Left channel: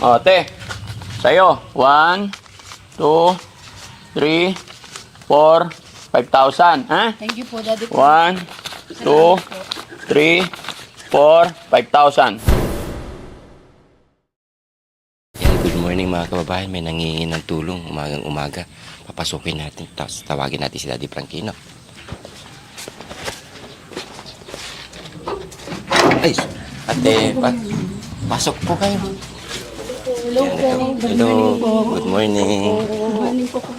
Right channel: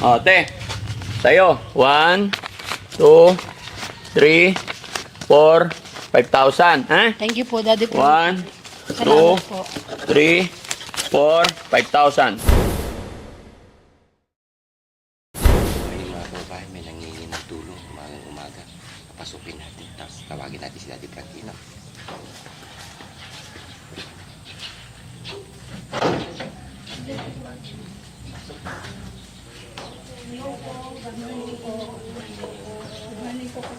O, te. Sa'yo. 1, 2, 3, 4, 5,000. Ha? Thank you po, Daddy po. 1, 2, 3, 4, 5,000. Good morning mga kababayan, may nangihingi ng tulong umagang umaga. Papasukin natin, tapos tawagin natin si Daddy Frankino. Ay, ate, pasok po kayo. Hello po. Hello, good morning. Morning po po.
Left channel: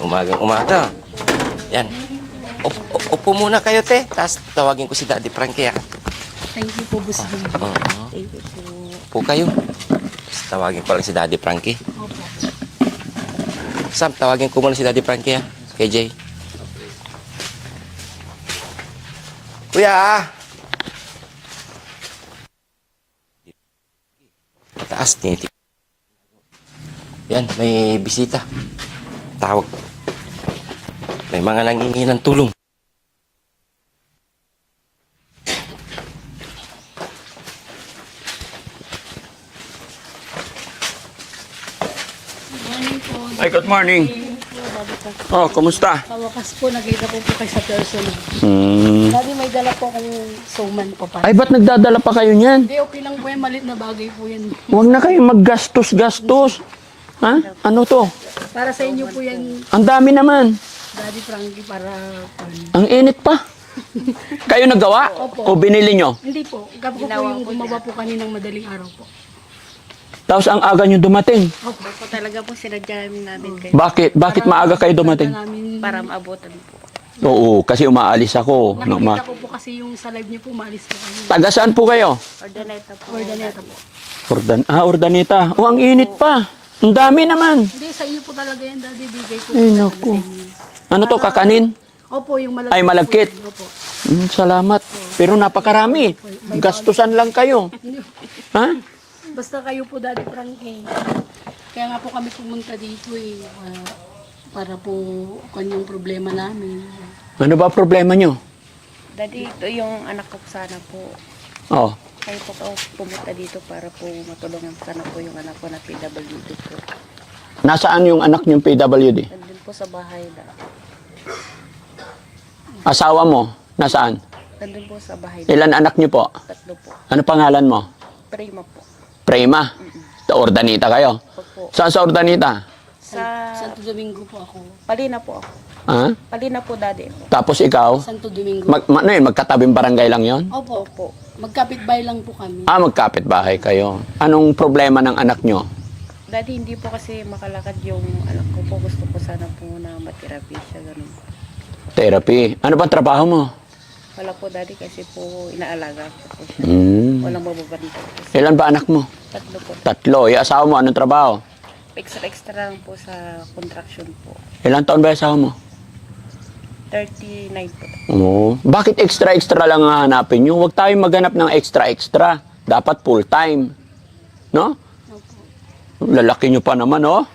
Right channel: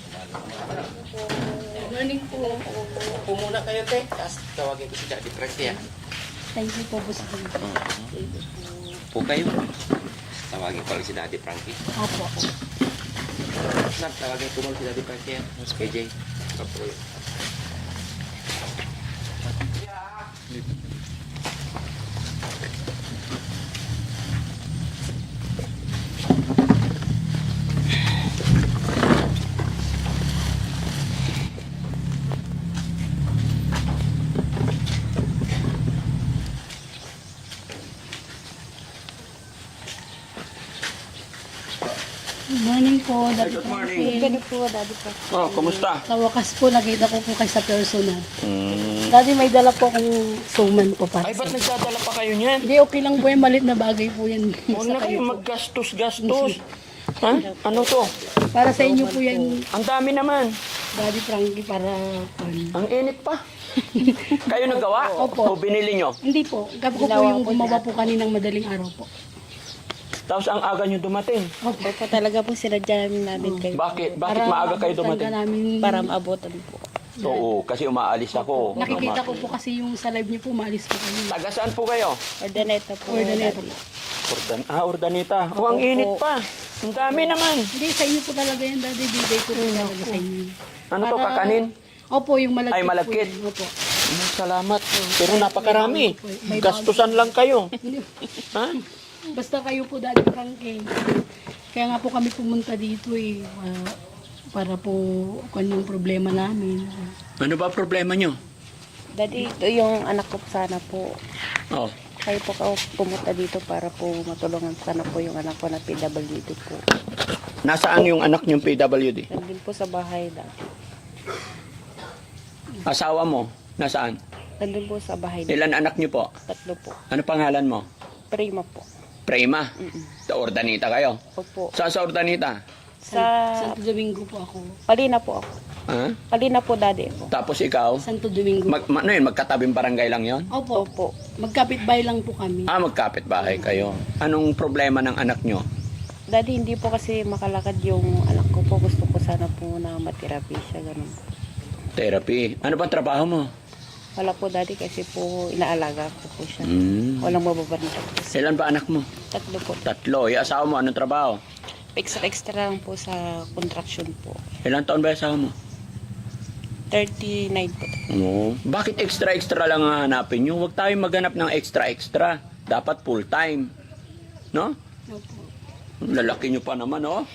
Umagang umaga. Yan, Morning po. upo muna kayo, te. Tapos tawagin ko si Daddy Frankie. Thank you po, Boss Jun. Oo. Thank you po. Upo kayo. Tapos tawagin ko lang si Daddy Frankie. Opo. Sam, tawagin ko muna si Daddy Frankie, ha? KJ. Kuya! Mataas, tinitip. Yan, may bisita. Tawag. May mga nangingi ng tulong. Morning po. Ay, good morning. Daddy po, Daddy po. Oh, kumusta? Sa wakas po, nakita ko po kayo sa personal. Hmm. Daddy, may dala po akong suman po para. Ay, ba't nagdadala pa kayo niyan? Hindi, okay lang po yan. Malit na bagay po yan. Huwag na kayong maggastos-gastos. Ha? Ano to? Para sa inyo po yan, Ang dami naman. Daddy Frankie, para... Ang init pa. Kayo naggawa? Opo. O binili nyo? Hindi po. Gabi ko po yung gumawa po kaninang madaling araw po. Tapos ang aga nyo dumating. Opo. Po talaga po sinadya namin kayo Bakit? Bakit maaga kayo dumating? Para para maabutan po. Oo, kasi umaalis ako. nakikita ko po kasi yung sa live niyo po, maalis po kami. Taga saan po kayo? Ordaneta po. Ordaneta po. Ordaneta. O, ang init pa. Ang dami naman. Hindi, sa inyo po talaga yan, Daddy. Bigay po. Ay, naku. Ano to, kakanin? Opo, yung malagkit. Ay, malagkit. po. Opo. Salamat. Pero napakarami. Gastusan lang kayo. Ha? Basta kayo po, Daddy Frankie. Kaya nga po kami pumunta dito eh. Para po kung yung problema namin. Ano ba problema nyo? Daddy, ito yung anak ko sana po. Oh. Kayo po ka pumunta dito para po matulungan sana po yung anak ko na PWD po. Nasaan yung anak niyong PWD? Nandun po sa bahay na. Asawa mo? Nasaan? Nandun po sa bahay na. Ilan anak niyo po? 3 po. Ano pangalan mo? Prima po. Prima. Sa Ordanita kayo? Opo. Saan sa Ordanita? Sa Santo Domingo po ako. Palina po ako. Ha? Palina po, Daddy po. Tapos ikaw? Santo Domingo. Ano yun? Magkatabing barangay lang yon? Opo, opo. Magkapit-bahay lang po kami. Ah, magkapit-bahay kayo. Anong problema ng anak nyo? Daddy, hindi po kasi makalakad yung anak ko po. Gusto ko sana po na matirapi siya. Ganun po. Therapy. Ano bang trabaho mo? Wala po, Daddy, kasi po inaalaga ko po siya. Walang mababanda. Ilan ba anak mo? 3 po. 3. Yung asawa mo, anong trabaho? Extra lang po sa contraction po. Ilang taon ba yung asawa mo? 39 po. Oo. Bakit extra-extra lang ang hanapin nyo? Huwag tayong maghanap ng extra-extra. Dapat full-time. No? Lalaki nyo pa naman, oh.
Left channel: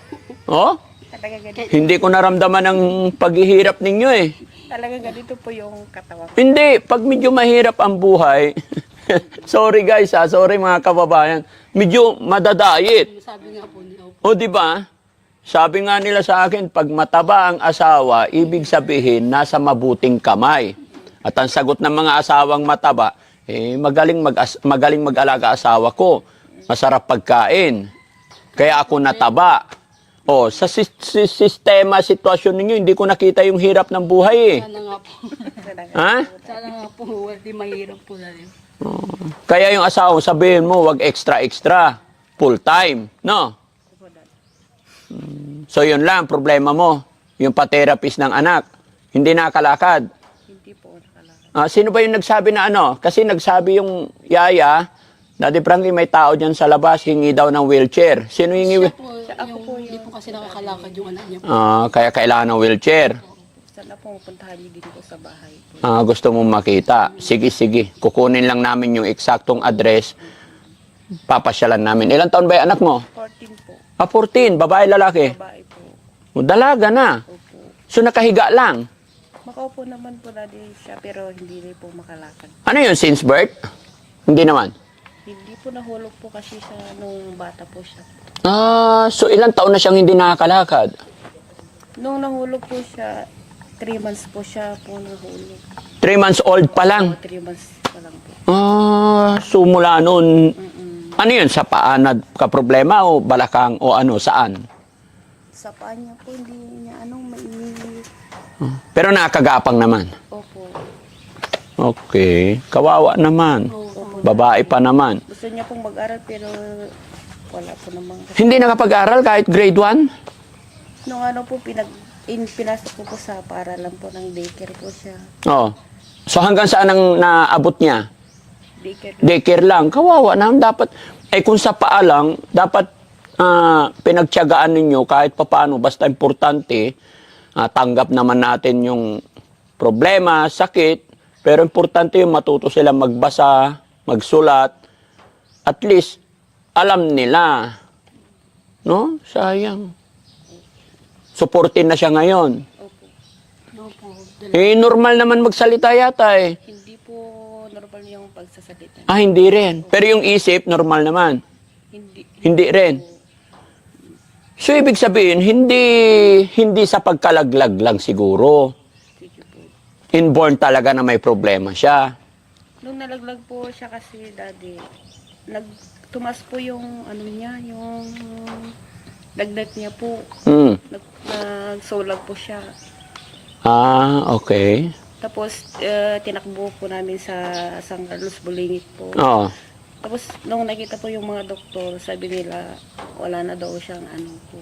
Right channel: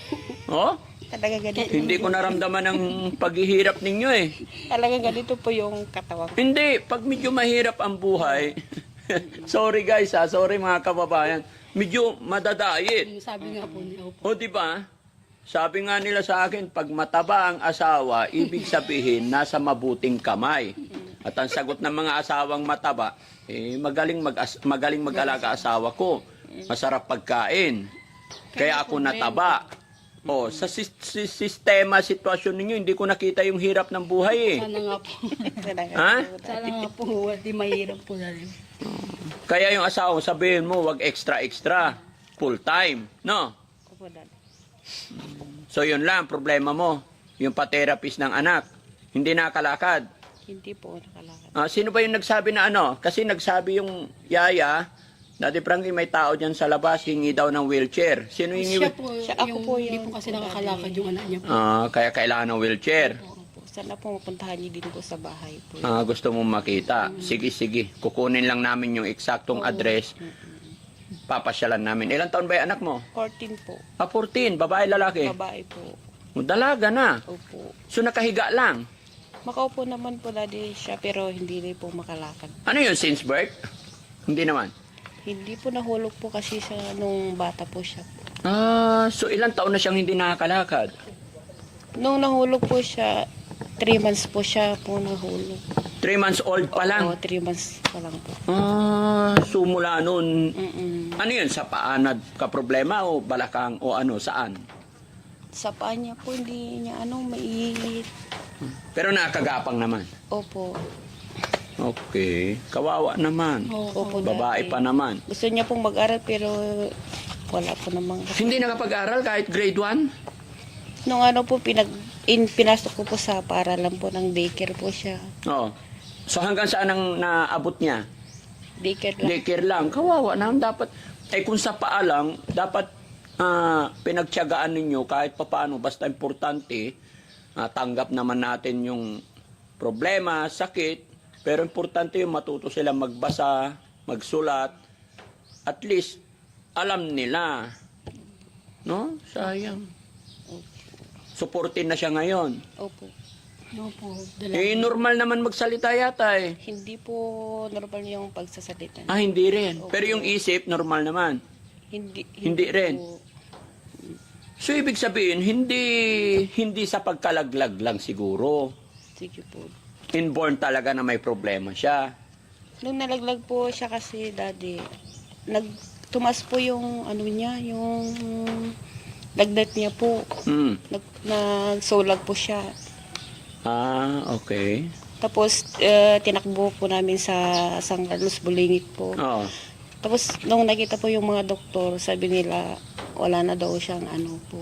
Oh? Talaga ganito. Hindi ko naramdaman ang paghihirap ninyo eh. Talaga ganito po yung katawan. Hindi, pag medyo mahirap ang buhay, sorry guys ha, sorry mga kababayan, medyo madadayit. Sabi nga po niyo. O di ba? Sabi nga nila sa akin, pag mataba ang asawa, ibig sabihin nasa mabuting kamay. At ang sagot ng mga asawang mataba, magaling mag-alaga asawa ko. Masarap pagkain. Kaya ako nataba. O, sa sistema, sitwasyon ninyo, hindi ko nakita yung hirap ng buhay eh. Sana nga po. Talaga. Ha? Sana nga po, hindi mahirap po na rin. Kaya yung asawa, sabihin mo, wag extra-extra. Full time. No? Opo, Daddy. So yun lang, problema mo. Yung pa-therapist ng anak. Hindi nakalakad. Hindi po nakalakad. Sino ba yung nagsabi na ano? Kasi nagsabi yung yaya, Daddy Frankie, may tao dyan sa labas, hingi daw ng wheelchair. Sino hingi? Siya po, Ako yung, po hindi yung- po kasi nakakalakad yung anak niya. Kaya kailangan ng wheelchair. Sana po mapuntahan niyo din po sa bahay po. Gusto mong makita. Sige, sige. Kukunin lang namin yung eksaktong address. Papasyalan namin. Ilang taon ba yung anak mo? 14 po. 14. Babae, lalaki? Babae po. Dalaga na. Opo. So nakahiga lang. Makaupo naman po, Daddy, siya pero hindi rin po makalakad. Ano yun, since birth? Hindi naman. Hindi po nahulog po kasi siya nung bata po siya. So ilang taon na siyang hindi nakakalakad? Nung nahulog po siya, 3 months po siya po nahulog. 3 months old pa lang? Oo, 3 months pa lang po. So mula noon, Mm-mm. ano yun, sa paa na ka-problema o balakang o ano, saan? Sa paa niya po, hindi niya mailit. Pero nakakagapang naman. Opo. Okay. Kawawa naman. Opo. Babae pa naman. Gusto niya pong mag-aral pero wala po namang. Hindi nakapag-aral kahit grade 1? Nung po, pinasok ko po sa paaralan po ng daycare po siya. Oo. So hanggang saan ang naabot niya? Daycare. Daycare lang. Kawawa naman. Dapat, kung sa paa lang, dapat pinagtiyagaan ninyo kahit papaano. Basta importante, tanggap naman natin yung problema, sakit. Pero importante yung matuto sila magbasa, magsulat. At least, alam nila. No? Sayang. Supportin na siya ngayon. Opo. Opo. Normal naman magsalita yata eh. Hindi po normal yung pagsasalita. Hindi rin. Pero yung isip, normal naman. Hindi rin. So, ibig sabihin, hindi sa pagkalaglag lang siguro. Sige po. Inborn talaga na may problema siya. Nung nalaglag po siya kasi, daddy, tumas po yung niya, yung lagnat niya po. Nagsulag po siya. Okay. Tapos, tinakbo po namin sa San Carlos, Bulingit po. Oo. Tapos, nung nakita po yung mga doktor, sabi nila, wala na daw siyang po.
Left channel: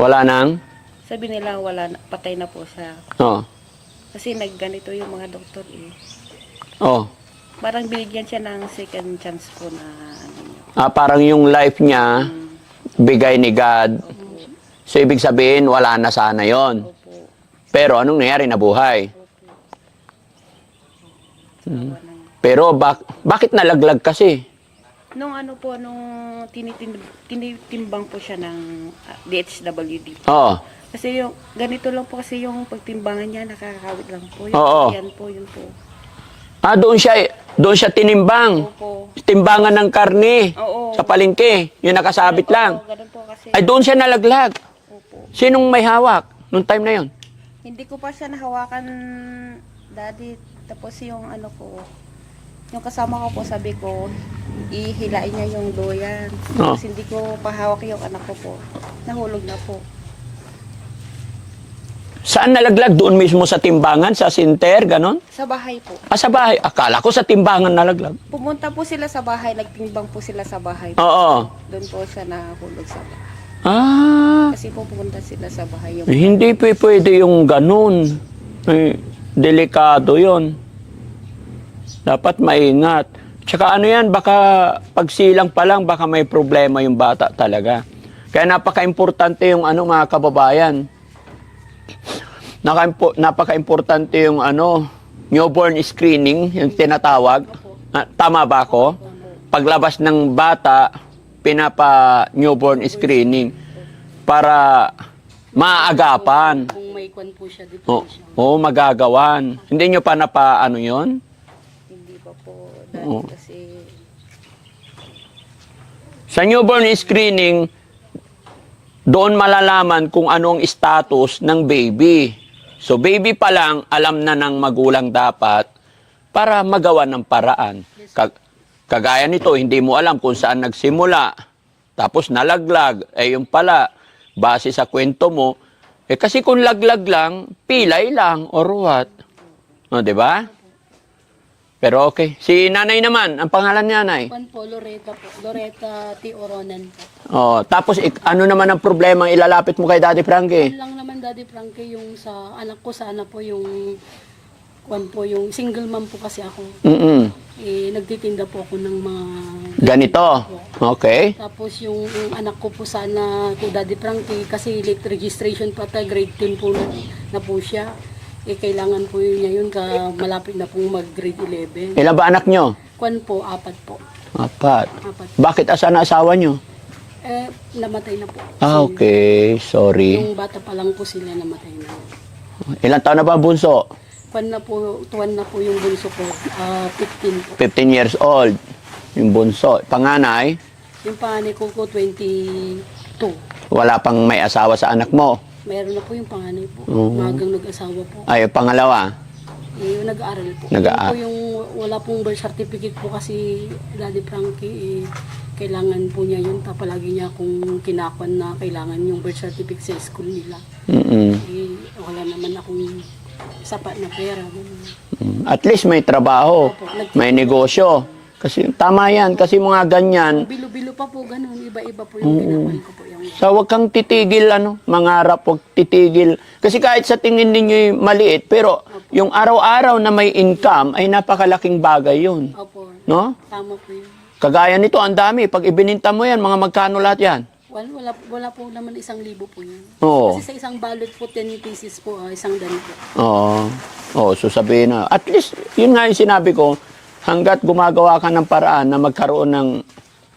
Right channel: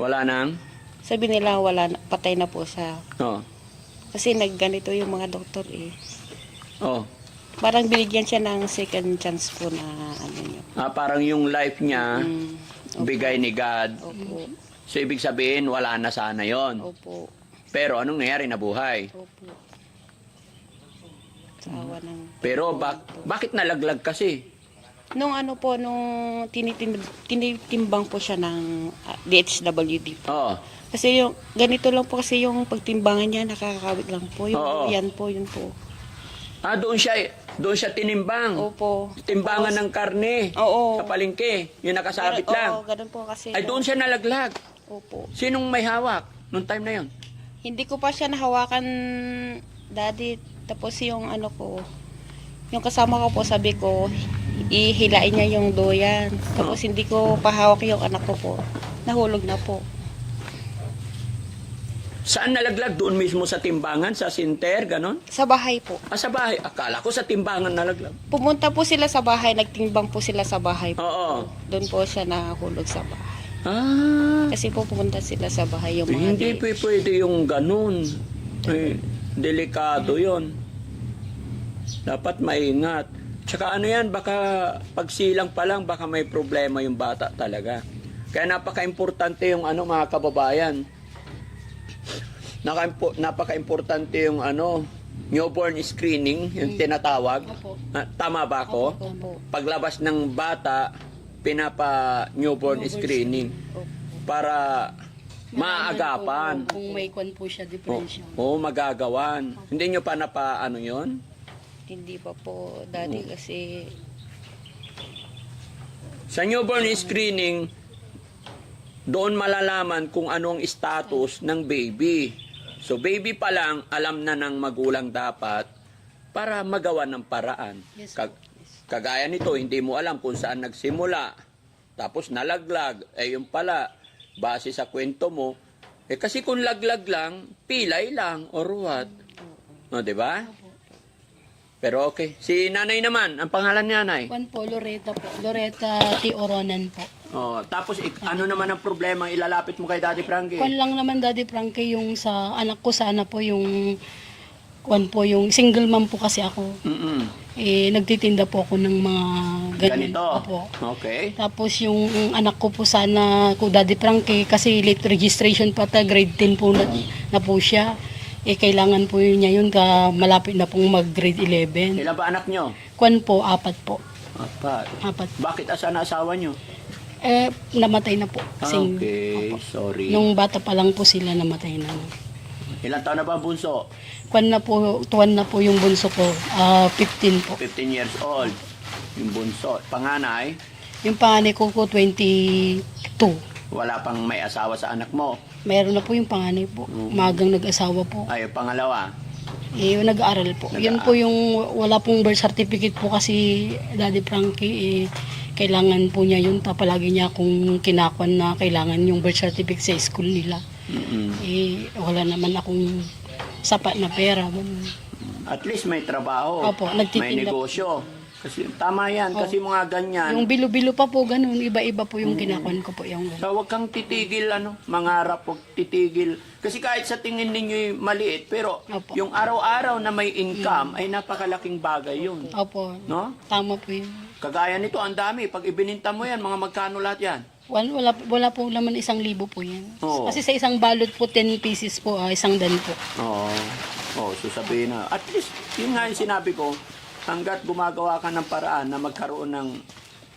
Wala nang? Sabi nila, patay na po siya. Oo. Kasi nagganito yung mga doktor eh. Oo. Parang binigyan siya ng second chance po na niya. Parang yung life niya, bigay ni God. Opo. So, ibig sabihin, wala na sana yon. Opo. Pero anong nangyari? Nabuhay. Opo. Awa na. Pero bakit nalaglag kasi? Nung nung tinitimbang po siya ng DHWD. Oo. Kasi yung, ganito lang po kasi yung pagtimbangan niya, nakakawit lang po. Oo. Yan po, yun po. Doon siya tinimbang. Opo. Timbangan ng karne. Oo. Sa palengke. Yung nakasabit lang. Oo, ganun po kasi. Ay, doon siya nalaglag. Opo. Sinong may hawak nung time na yon? Hindi ko pa siya nahawakan, daddy. Tapos yung yung kasama ko po, sabi ko, ihilain niya yung doyan. Tapos hindi ko pahawak yung anak ko po. Nahulog na po. Saan nalaglag? Doon mismo sa timbangan, sa sinter, ganon? Sa bahay po. Sa bahay. Akala ko sa timbangan nalaglag. Pumunta po sila sa bahay, nagtimbang po sila sa bahay. Oo. Doon po siya nahulog sa bahay. Kasi po pumunta sila sa bahay. Yung Hindi pwede yung ganon. Delikado yon. Dapat maingat. Tsaka yan, baka pagsilang pa lang, baka may problema yung bata talaga. Kaya napaka-importante yung mga kababayan. Napaka-importante yung newborn screening, yung tinatawag. Tama ba ako? Paglabas ng bata, pinapa-newborn screening para maaagapan. Kung may kwan po siya, depression. Magagawan. Hindi nyo pa yon? Hindi pa po, daddy, kasi Sa newborn screening, doon malalaman kung anong status ng baby. So baby pa lang, alam na ng magulang dapat para magawa ng paraan. Kagaya nito, hindi mo alam kung saan nagsimula. Tapos nalaglag. Yung pala, base sa kwento mo, kasi kung laglag lang, pilay lang or what. Di ba? Pero okay. Si nanay naman, ang pangalan ni nanay? Kwan po, Loretta po. Loretta T. Oronan po. Tapos ano naman ang problema ang ilalapit mo kay Daddy Frankie? Kwan lang naman, Daddy Frankie, yung sa anak ko, sana po yung kwan po, yung single mom po kasi ako. Nagtitinda po ako ng mga Ganito? po. Okay. Tapos yung anak ko po sana, ko Daddy Frankie, kasi late registration pa grade 10 po na po siya. Kailangan po niya yun, malapit na pong mag-grade 11. Ilan ba anak nyo? Kwan po, 4 po. 4. 4. Bakit asan na asawa nyo? Namatay na po. Okay. Sorry. Yung bata pa lang po sila namatay na. Ilang taon na ba ang bunso? Tuwan na po yung bunso ko, 15 po. 15 years old. Yung bunso. Panganay, Yung panganay ko po, 22. wala pang may asawa sa anak mo. Mayroon na po yung panganay po. Oo. Magang nag-asawa po. Ay, pangalawa. Yung nag-aaral po. Yun Nag-aaral. po yung wala pong birth certificate po kasi Daddy Frankie, kailangan po niya yun. Palagi niya akong kinakwan na kailangan yung birth certificate sa school nila. Mm-mm. Wala naman akong sapat na pera. At least may trabaho, Opo, nagtitinda. may negosyo. Kasi tama yan, kasi mga ganyan. Yung bilo-bilo pa po, ganun. Iba-iba po yung kinakwan ko po. Yung... So wag kang titigil, mangarap, wag titigil. Kasi kahit sa tingin ninyo maliit, pero Opo. yung araw-araw na may income ay napakalaking bagay yun. Opo, No? tama po yun. Kagaya nito, ang dami. Pag ibininta mo yan, mga magkano lahat yan? Wala po naman 1,000 po yan. Oo. Kasi sa isang balot po, 10 pieces po, 100 po. Oo, so sabihin na. At least, yun nga yung sinabi ko, hanggat gumagawa ka ng paraan na magkaroon ng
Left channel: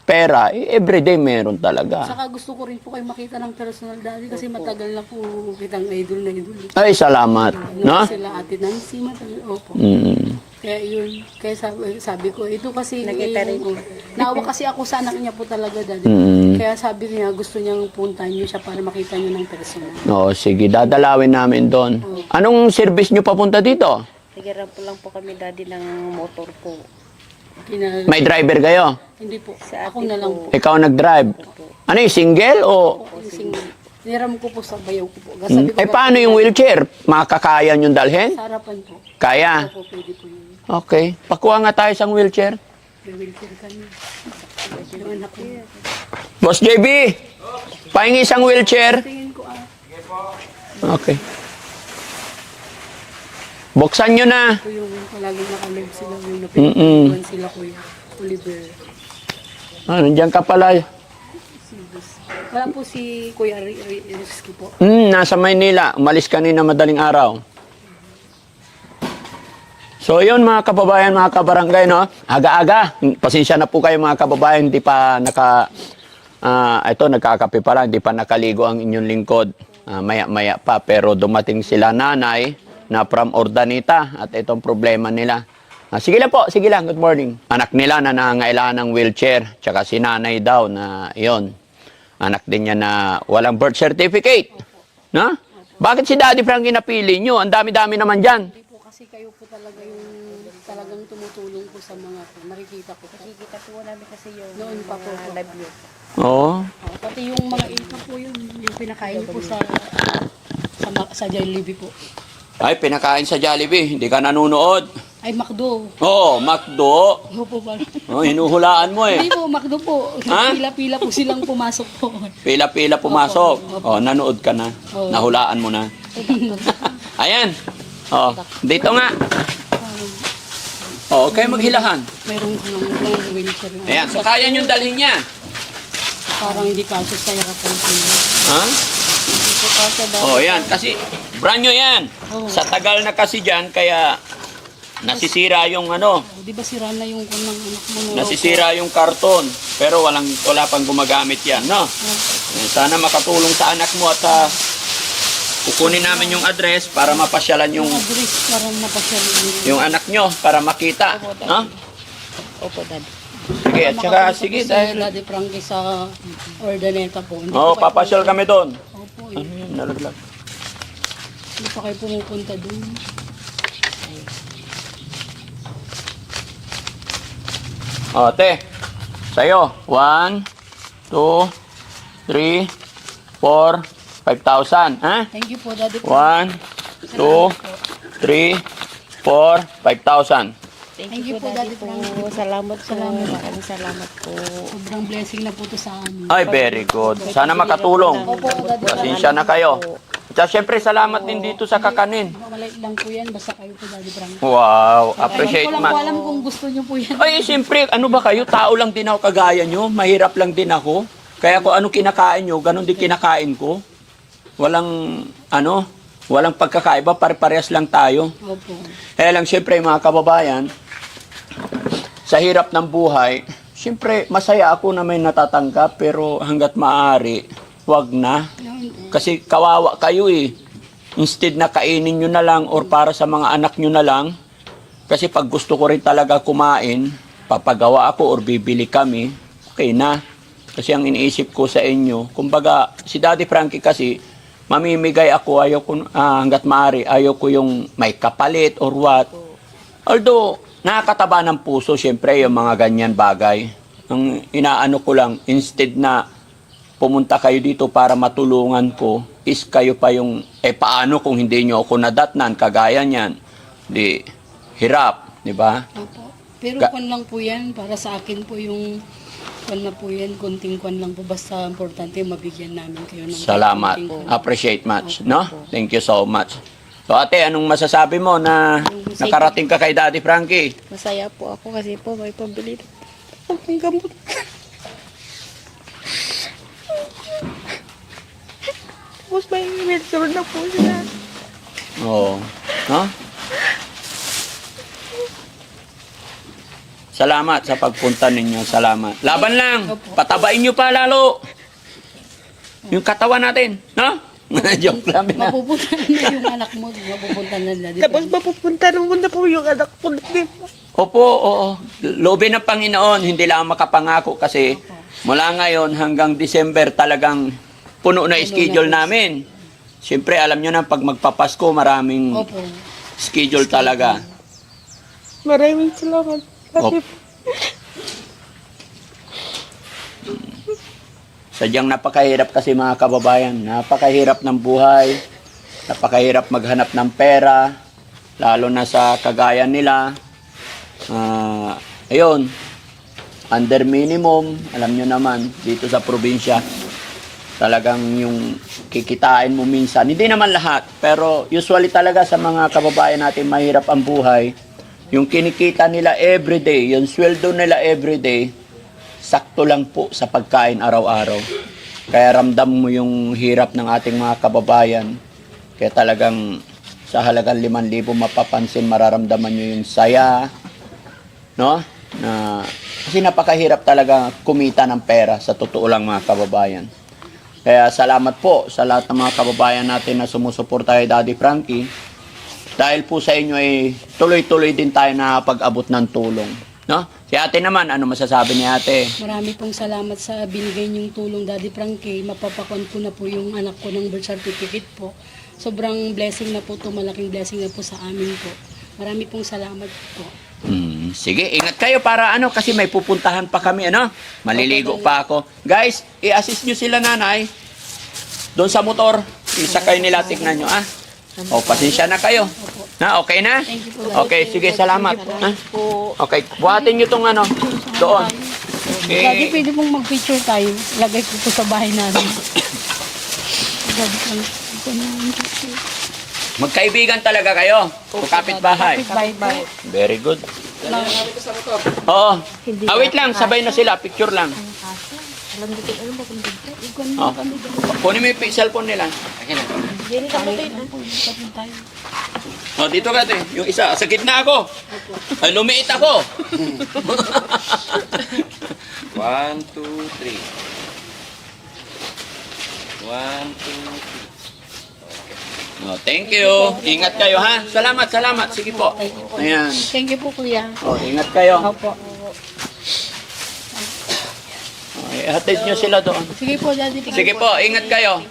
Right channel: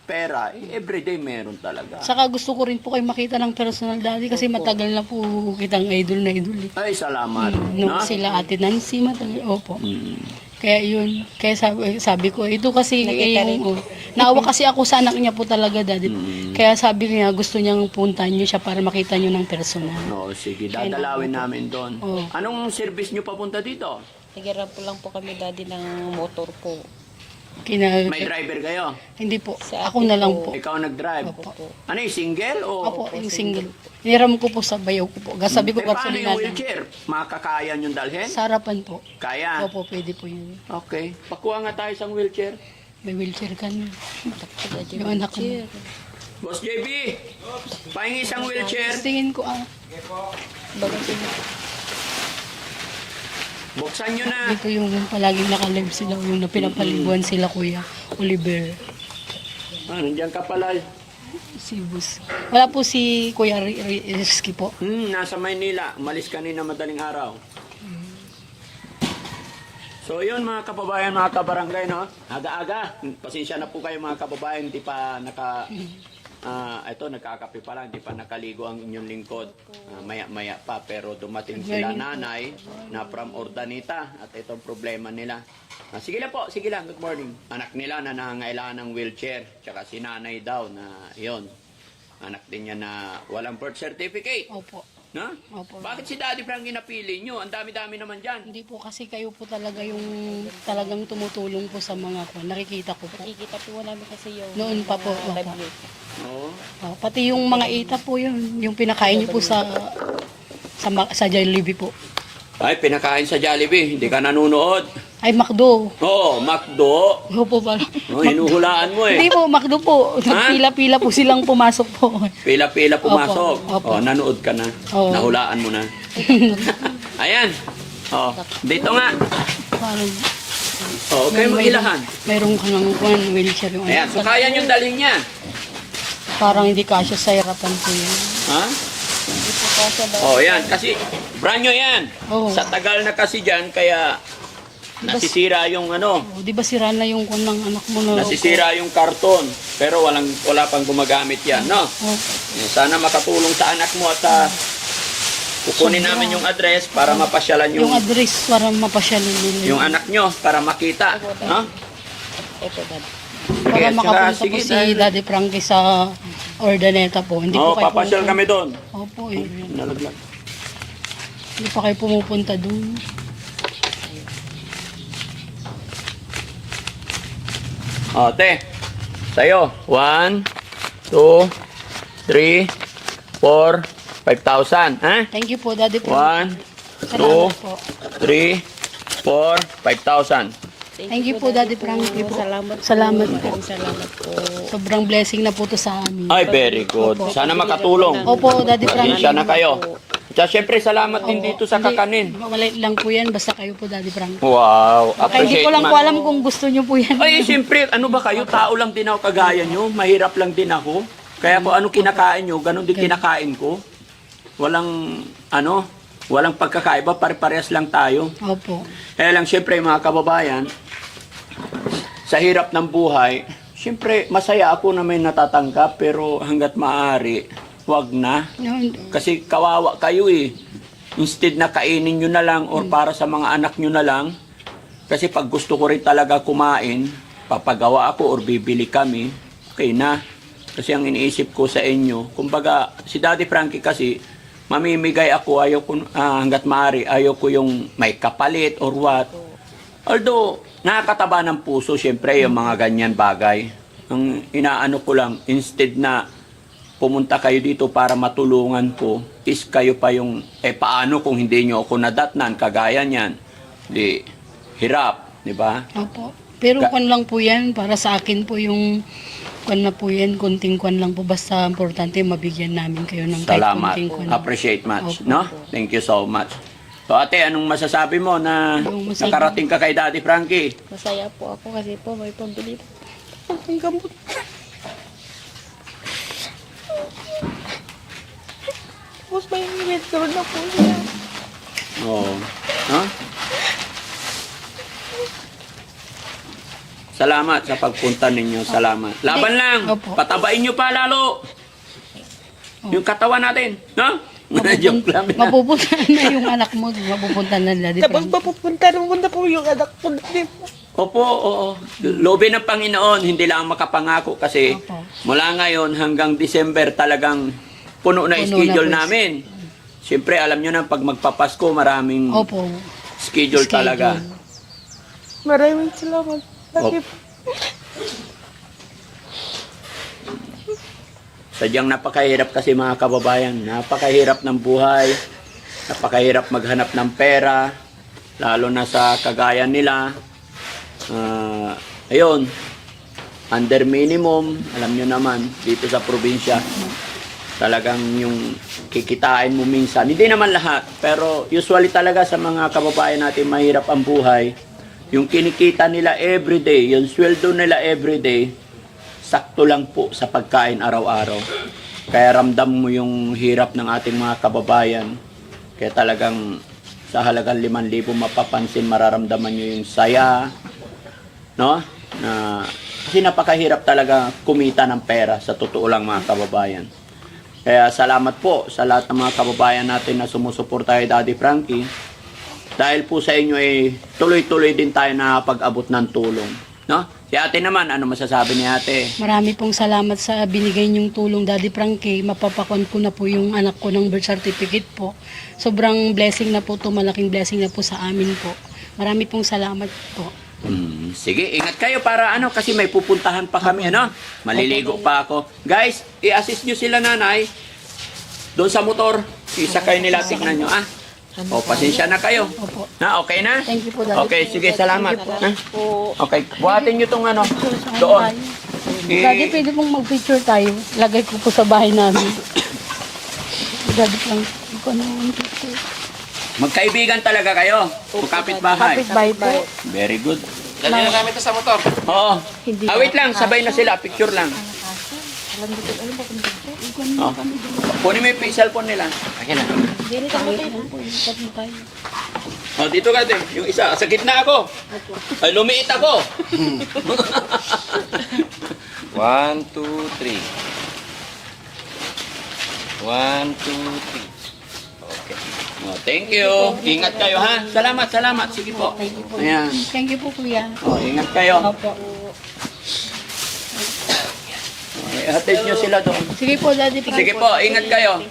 pera, everyday meron talaga. Saka gusto ko rin po kayo makita ng personal daddy kasi matagal na po kitang idol na idol. Ay, salamat. Nung No? sila Ate Nancy, matagal. Opo. Mm. Kaya yun, kaya sabi ko, ito kasi, naawa kasi ako sa anak niya po talaga, daddy. Kaya sabi niya, gusto niyang puntahan niyo siya para makita niyo ng personal. Oo, sige, dadalawin namin doon. Oo. Anong service nyo papunta dito? Nagirap po lang po kami daddy ng motor po. May driver kayo? Hindi po, Sa ako atin na lang po. po. Ikaw nag-drive? Ano yung single o... Opo, yung single. Niram ko po sa bayaw ko po. Sabi ko, Eh ba paano po yung daddy, wheelchair? Makakaya nyo dalhin? Sa harapan po. Kaya? Opo, pwede po yun. Okay. Pakuha nga tayo sa wheelchair. May wheelchair ka na. Yung anak ko. Boss JB, pahingi isang wheelchair. Tingin ko Okay. Buksan nyo na. ito yung palaging nakalive sila. Yung napinapaliguan sila, Kuya Oliver. Nandiyan ka pala. Si Bus. Wala po si Kuya Rizky po. Nasa Maynila. Umalis kanina madaling araw. So yun mga kababayan, mga kabarangay, no? Aga-aga. Pasensya na po kayo mga kababayan, hindi pa ito, nagkakape pa lang, hindi pa nakaligo ang inyong lingkod. Maya-maya pa, pero dumating sila nanay na from Ordanita at itong problema nila. Sige lang po, sige lang, good morning. Anak nila na nangangailangan ng wheelchair, tsaka si nanay daw na yon. Anak din niya na walang birth certificate. Opo. No? Bakit si Daddy Frankie napili nyo? Ang dami-dami naman dyan. Hindi po kasi kayo po talaga yung talagang tumutulong po sa mga po. Nakikita ko po. Nakikita po namin kasi yung Noon pa po. love you. Oo. Oh, pati yung mga ita po yun. Yung pinakain niyo po sa Jollibee po. Ay, pinakain sa Jollibee, hindi ka nanonood. Ay, McDo. Oo, McDo. Opo ba? Oh, hinuhulaan mo Hindi eh. po, McDo po. Ha? Pila-pila po silang pumasok po. Pila-pila pumasok. Opo. Oh, nanood ka na. Oo. Nahulaan mo na. Ayan. Oh, dito nga. Parang Oh, kayo maghilahan. mayroong kang wheelchair. Yung Ayan, so kaya nyo dalhin niya. Parang hindi kasya sa harapan ko. Ha? Hindi po kasi daddy. Oh, yan. Kasi, brand nyo yan. Oo. Sa tagal na kasi dyan, kaya nasisira yung ano, Oh, di ba sira na yung kung ng anak mo na nasisira yung karton. Pero wala pang gumagamit yan, no? Oh, Sana makatulong sa anak mo at kukunin namin yung address para mapasyalan yung yung address para mapasyal. yung anak nyo para makita, no? Ito daddy. Sige, Para at saka, makapunta sige, po si Daddy Frankie sa Ordaneta po. Hindi oh, po kayo papasyal kami doon. Opo, eh. Nalaglag. Hindi pa kayo pumupunta dun. O, te. Sa'yo. 1, 2, 3, 4, 5,000. Ha? Thank you po, Daddy Frankie. 1, 2, 3, 4, 5,000. Thank you po, Daddy Frankie po. Salamat po. Salamat po. Maraming salamat po. Sobrang blessing na po to sa amin. Ay, very good. Sana makatulong. Opo, Daddy Frankie. Pasensya na kayo. At syempre, salamat din dito sa kakanin. Maliit lang po yan, basta kayo po, Daddy Frankie. Wow. Ay, hindi Appreciate ko lang po man. alam kung gusto nyo po yan. Ay, siyempre, ano ba kayo? Tao lang din ako kagaya nyo. Mahirap lang din ako. Kaya kung ano kinakain nyo, ganun din kinakain ko. Walang pagkakaiba. Pare-parehas lang tayo. Opo. Kaya lang, siyempre, mga kababayan, sa hirap ng buhay, siyempre, masaya ako na may natatanggap, pero hanggat maaari, wag na. Yun. Kasi kawawa kayo eh. Instead na kainin nyo na lang or para sa mga anak nyo na lang. Kasi pag gusto ko rin talaga kumain, magpapagawa ako or bibili kami, okay na. Kasi ang iniisip ko sa inyo, kumbaga, si Daddy Frankie kasi, mamimigay ako, ayaw ko, hanggat maaari, ayaw ko yung may kapalit or what. Although, nakakataba ng puso, syempre, yung mga ganyan bagay. Ang inaano ko lang, instead na pumunta kayo dito para matulungan ko, is kayo pa yung, paano kung hindi nyo ako nadatnan, kagaya niyan. Di, hirap, di ba? Opo. Pero kwan lang po yan, para sa akin po yung kwan na po yan, konting kwan lang po. Basta importante, mabigyan namin kayo ng kahit Salamat. konting kwan. Appreciate much, Opo. no? Thank you so much. So ate, anong masasabi mo na nakarating ka kay Daddy Frankie? Masaya po ako kasi po may pambili na akong gamot. Tapos may withdraw na po siya. Oo. No? Salamat sa pagpunta ninyo. Salamat. Laban lang. Opo. Patabain nyo pa lalo. Yung katawan natin. No? Joke lang. Mapupunta na yung anak mo. Mapupunta na nila. Tapos mapupunta naman na po yung anak ko dito. Opo, oo. Loobin ng Panginoon, hindi lang makapangako kasi Opo. mula ngayon hanggang December talagang puno na Puno schedule na po. namin. Siyempre, alam nyo na, pag magpapasko, maraming Opo. schedule talaga. Maraming salamat. Kasi Sadyang napakahirap kasi mga kababayan. Napakahirap ng buhay. Napakahirap maghanap ng pera. Lalo na sa kagaya nila. Ayun. Under minimum. Alam nyo naman, dito sa probinsya. Talagang yung kikitain mo minsan. Hindi naman lahat. Pero usually talaga sa mga kababayan natin mahirap ang buhay. Yung kinikita nila everyday, yung sweldo nila everyday, sakto lang po sa pagkain araw-araw. Kaya ramdam mo yung hirap ng ating mga kababayan. Kaya talagang sa halagang 5,000 mapapansin, mararamdaman nyo yung saya. No? Kasi napakahirap talaga kumita ng pera sa totoo lang mga kababayan. Kaya salamat po sa lahat ng mga kababayan natin na sumusuporta kay Daddy Frankie. Dahil po sa inyo ay tuloy-tuloy din tayo nakapag-abot ng tulong. No? Si ate naman, ano masasabi ni ate? Marami pong salamat sa binigay niyong tulong, Daddy Frankie. Mapapakon ko na po yung anak ko ng birth certificate po. Sobrang blessing na po to, malaking blessing na po sa amin po. Marami pong salamat po. Sige, ingat kayo para ano, kasi may pupuntahan pa kami, ano? Maliligo pa ako. Guys, i-assist nyo sila nanay. Doon sa motor, isakay nila, tignan nyo, ah. O, pasensya na kayo. Na, okay na? Thank you po, Daddy. Okay, sige, salamat. Ha? Okay, buhatin nyo tong ano, doon. Daddy, pwede pong mag-picture tayo. Lagay ko po sa bahay namin. Daddy Frankie, ito na yung picture. Magkaibigan talaga kayo. O kapitbahay. Bye po. Very good. Dali na namin ito sa motor. Oo. Wait lang, sabay na sila. Picture lang. Oh. Kunin mo yung cellphone nila. Akin na. Oh, dito ka din. Yung isa, sa gitna ako. Ay, lumiit ako. 1, 2, 3. 1, 2, 3. Oh, thank you. Ingat kayo, ha? Salamat, salamat. Sige po. Ayan. Thank you po, kuya. Oh, ingat kayo. Opo. Attend nyo sila doon. Sige po, Daddy. Sige po, ingat kayo.